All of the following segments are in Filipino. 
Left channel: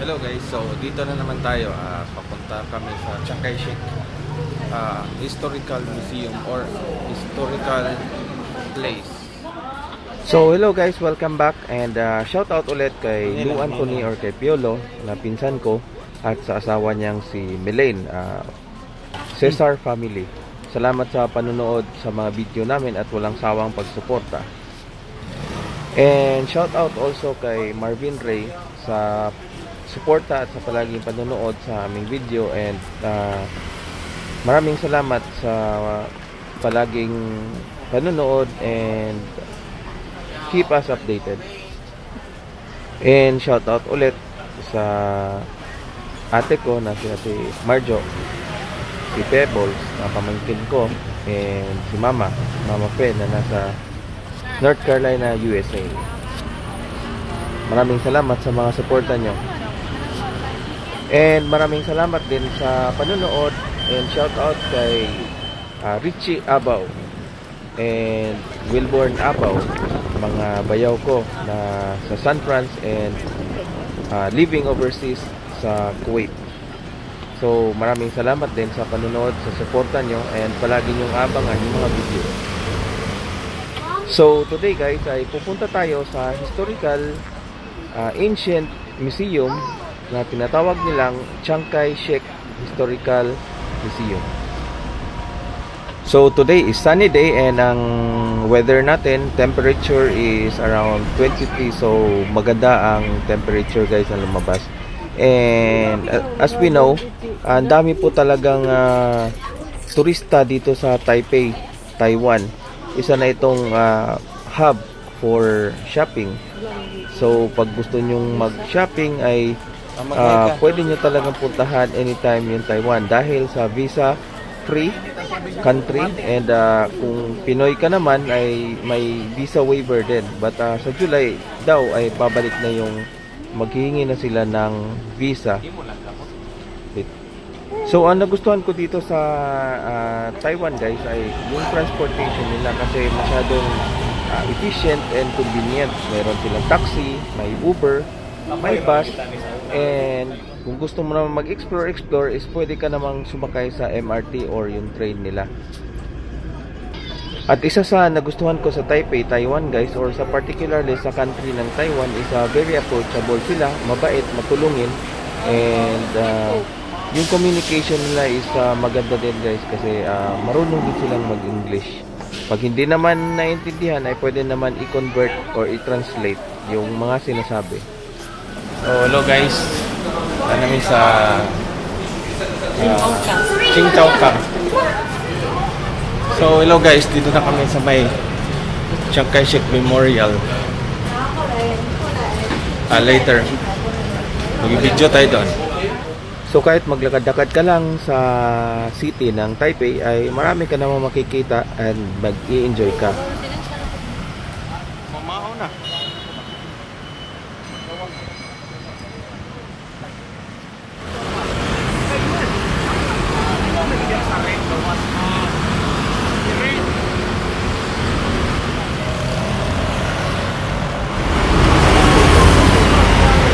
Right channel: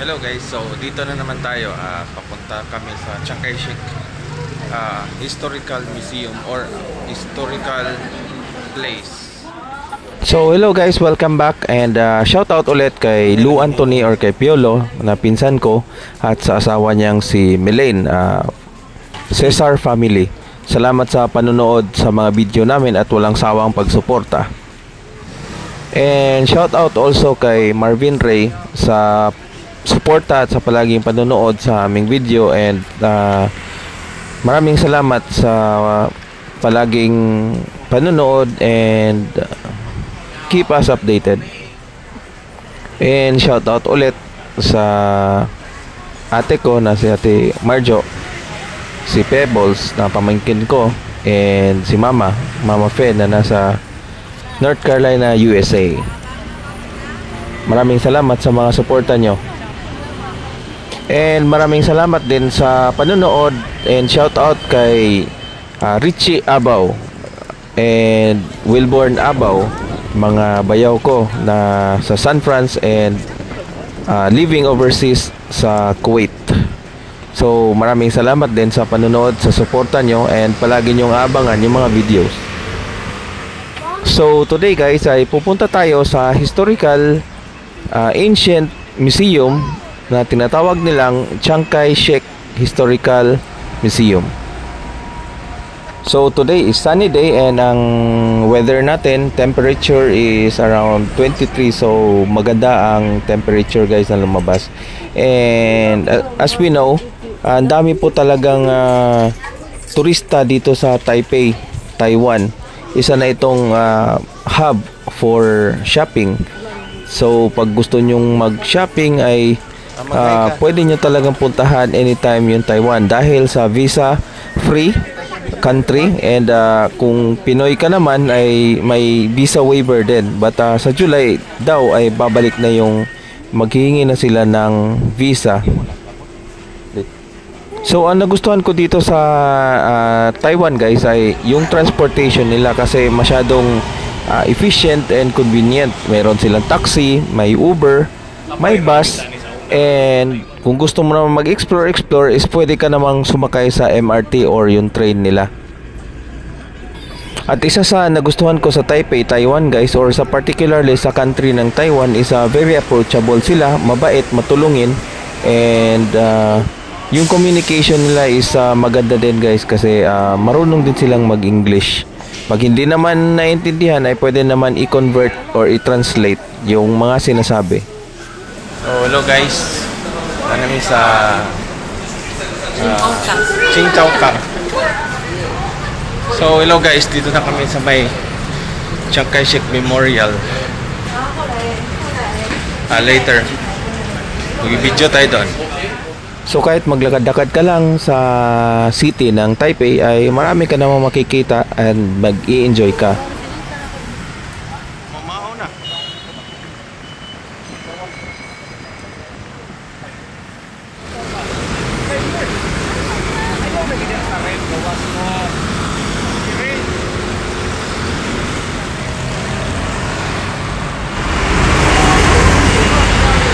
Hello guys, so dito na naman tayo, papunta kami sa Chiang Kai-shek Historical Museum or Historical Place. So hello guys, welcome back and shout out ulit kay Lou Anthony or kay Piolo na pinsan ko at sa asawa niyang si Melaine, Cesar family. Salamat sa panonood sa mga video namin at walang sawang pagsuporta. And shout out also kay Marvin Ray sa suporta at sa palaging panonood sa aming video, and maraming salamat sa palaging panonood and keep us updated. And shout out ulit sa ate ko na si Ate Marjo, si Pebbles na pamangkin ko, and si Mama Fe na nasa North Carolina, USA. Maraming salamat sa mga suporta nyo. And maraming salamat din sa panonood, and shout out kay Richie Abaw and Wilborn Abaw, mga bayaw ko na sa San Francisco and living overseas sa Kuwait. So maraming salamat din sa panonood, sa suporta nyo, and palagi nyong abangan yung mga videos. So today guys ay pupunta tayo sa historical ancient museum na tinatawag nilang Chiang Kai-shek Historical Museum. So today is sunny day and ang weather natin, temperature is around 23, so maganda ang temperature guys na lumabas. And as we know, ang dami po talagang turista dito sa Taipei, Taiwan. Isa na itong hub for shopping. So pag gusto nyong mag-shopping ay pwede nyo talagang puntahan anytime yung Taiwan dahil sa visa free country, and kung Pinoy ka naman ay may visa waiver din, but sa July daw ay babalik na yung maghihingi na sila ng visa. So ang nagustuhan ko dito sa Taiwan guys ay yung transportation nila, kasi masyadong efficient and convenient. Meron silang taxi, may Uber, may bus. And kung gusto mo naman mag-explore is pwede ka namang sumakay sa MRT or yung train nila. At isa sa nagustuhan ko sa Taipei, Taiwan guys, or sa particularly sa country ng Taiwan, is very approachable sila, mabait, matulungin, and yung communication nila is maganda din guys, kasi marunong din silang mag-English. Pag hindi naman naintindihan ay pwede naman i-convert or i-translate yung mga sinasabi. So hello guys, namin sa Qingdaokang. So hello guys, dito na kami sa may Chiang Kai-shek Memorial. Later mag-video tayo doon. So kahit maglakad-lakad ka lang sa city ng Taipei ay marami ka naman makikita and mag-i-enjoy ka. Mamahaw na.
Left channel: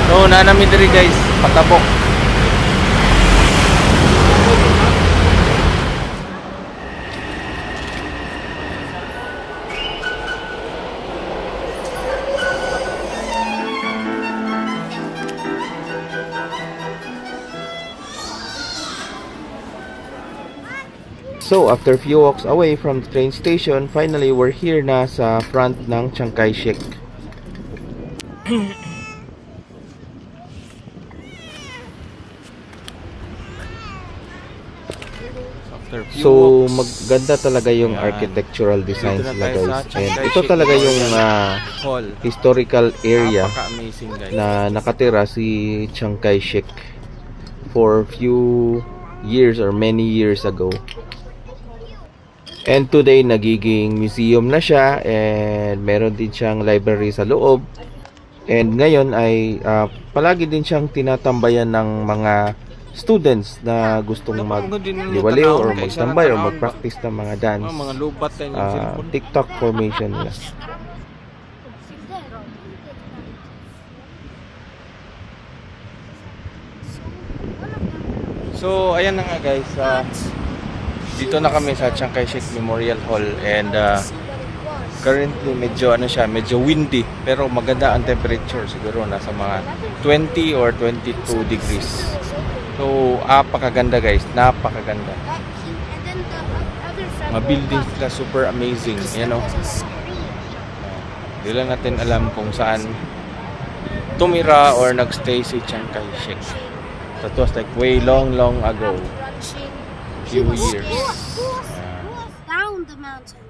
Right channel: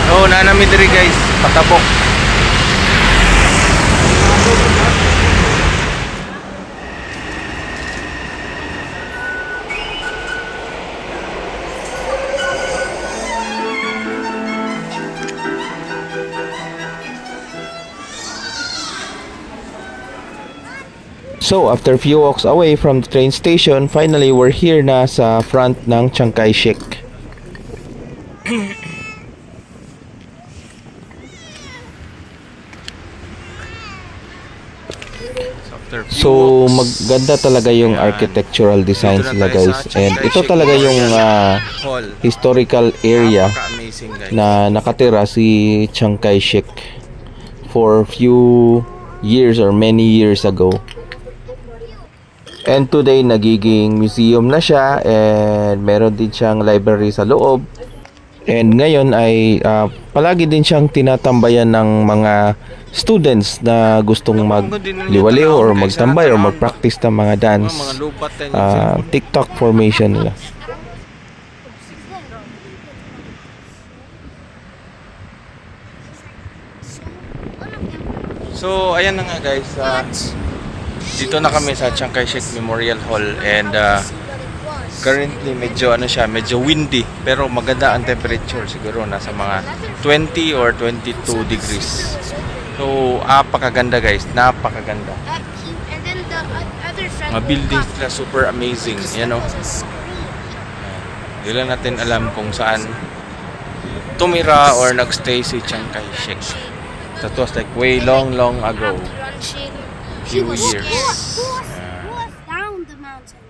So nanami diri guys, patabok. So after a few walks away from the train station, finally we're here na sa front ng Chiang Kai-shek. So maganda talaga yung architectural designs nila guys, and ito talaga yung historical area na nakatira si Chiang Kai-shek for few years or many years ago. And today nagiging museum na siya, and meron din siyang library sa loob. And ngayon ay palagi din siyang tinatambayan ng mga students na gustong magliwaliw or magtambay or magpractice ng mga dance, TikTok formation nila. So, ayan na nga guys. Dito na kami sa Chiang Kai-shek Memorial Hall and currently medyo medyo windy pero maganda ang temperature, siguro nasa mga 20 or 22 degrees. So, napakaganda guys, napakaganda. Mga buildings nila super amazing, you know. Hindi lang natin alam kung saan tumira or nagstay si Chiang Kai-shek. That was like way long ago. Few years. Down the mountain.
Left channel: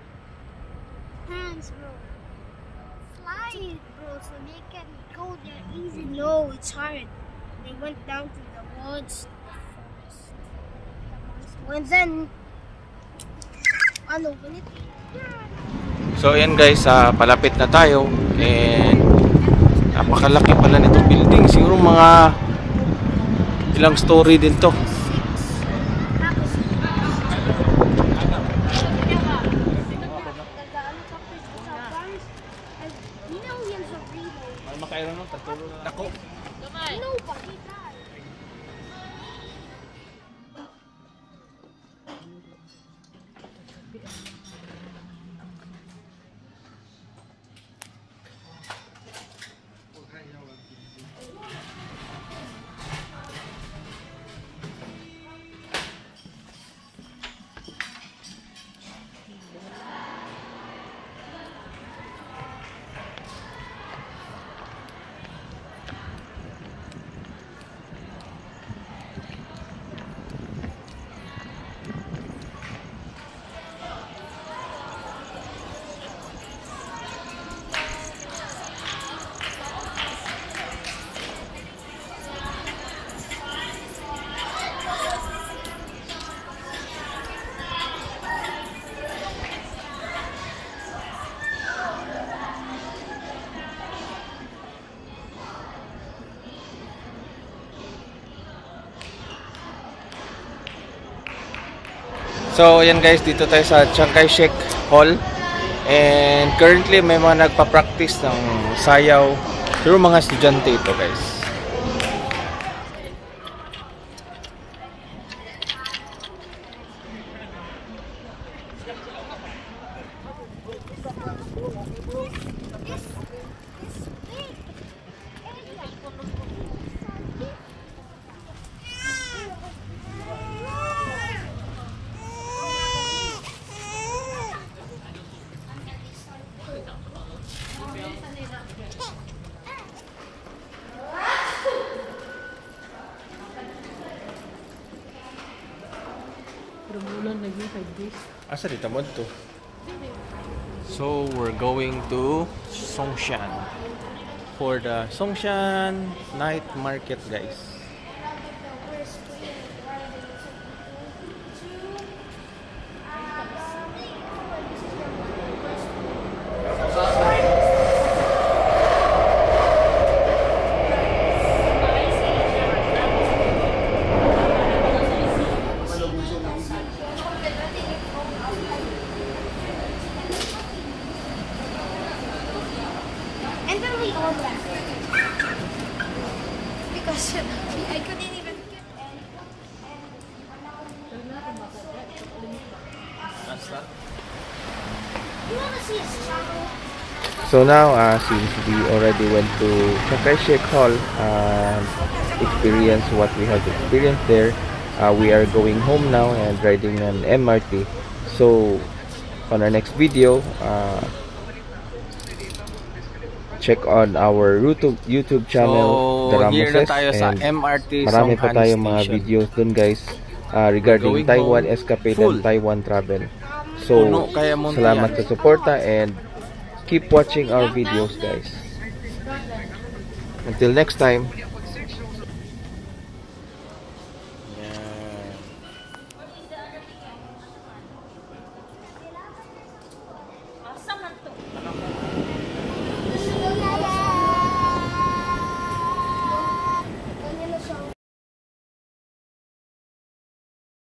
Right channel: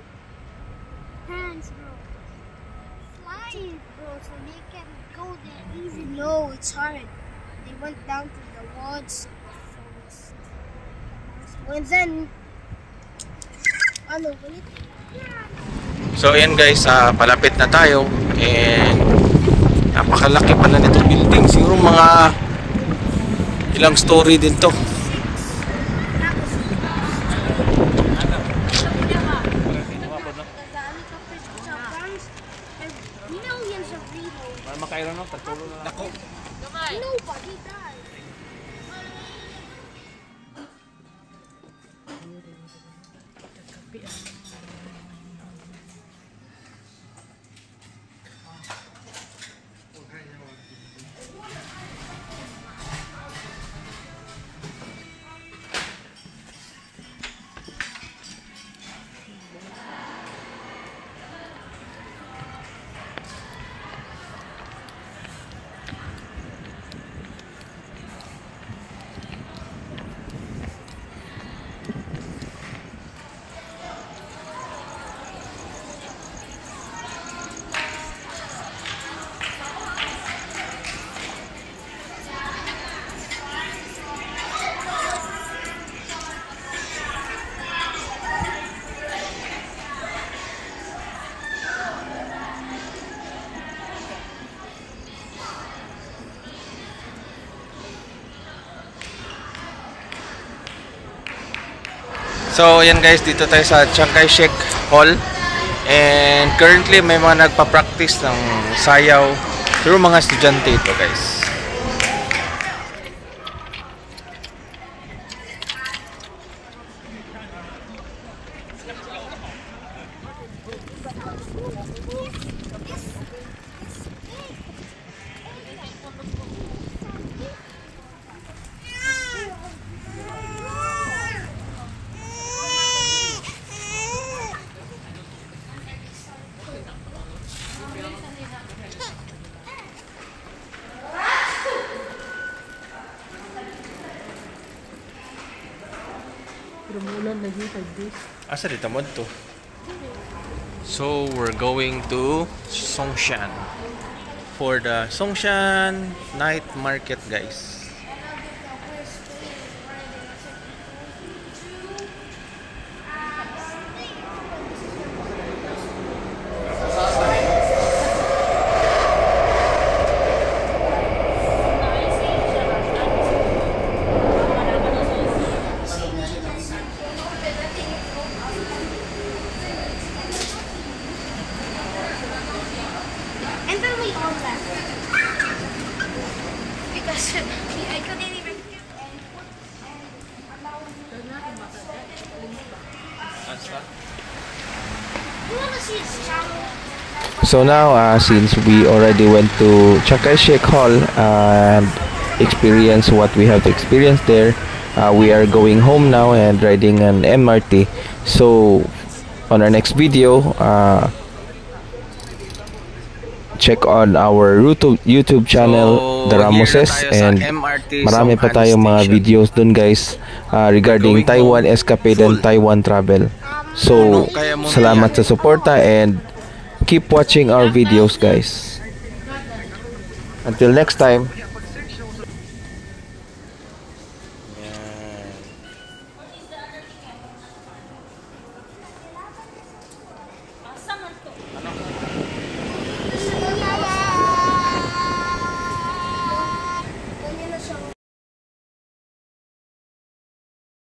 Hands, bro. Flying, bro, so they can go there even though it's hard. They went down to the woods, and then so ayan guys, palapit na tayo and napakalaki pala nitong building. Siguro mga ilang story din to. So ayan guys, dito tayo sa Chiang Kai-shek Hall and currently may mga nagpa-practice ng sayaw. Pero mga estudyante ito guys. Asa dito mo to? So we're going to Songshan for the Songshan night market guys. And then we all left. Because I couldn't even get on. You want to see his channel? So now since we already went to Chiang Kai-shek Hall and experienced what we have experienced there, we are going home now and riding an MRT. So on our next video, check on our YouTube channel, The Ramoses, and marami pa tayong mga videos dun guys regarding Taiwan escapade and Taiwan travel. So salamat sa suporta and keep watching our videos guys. Until next time. Yan.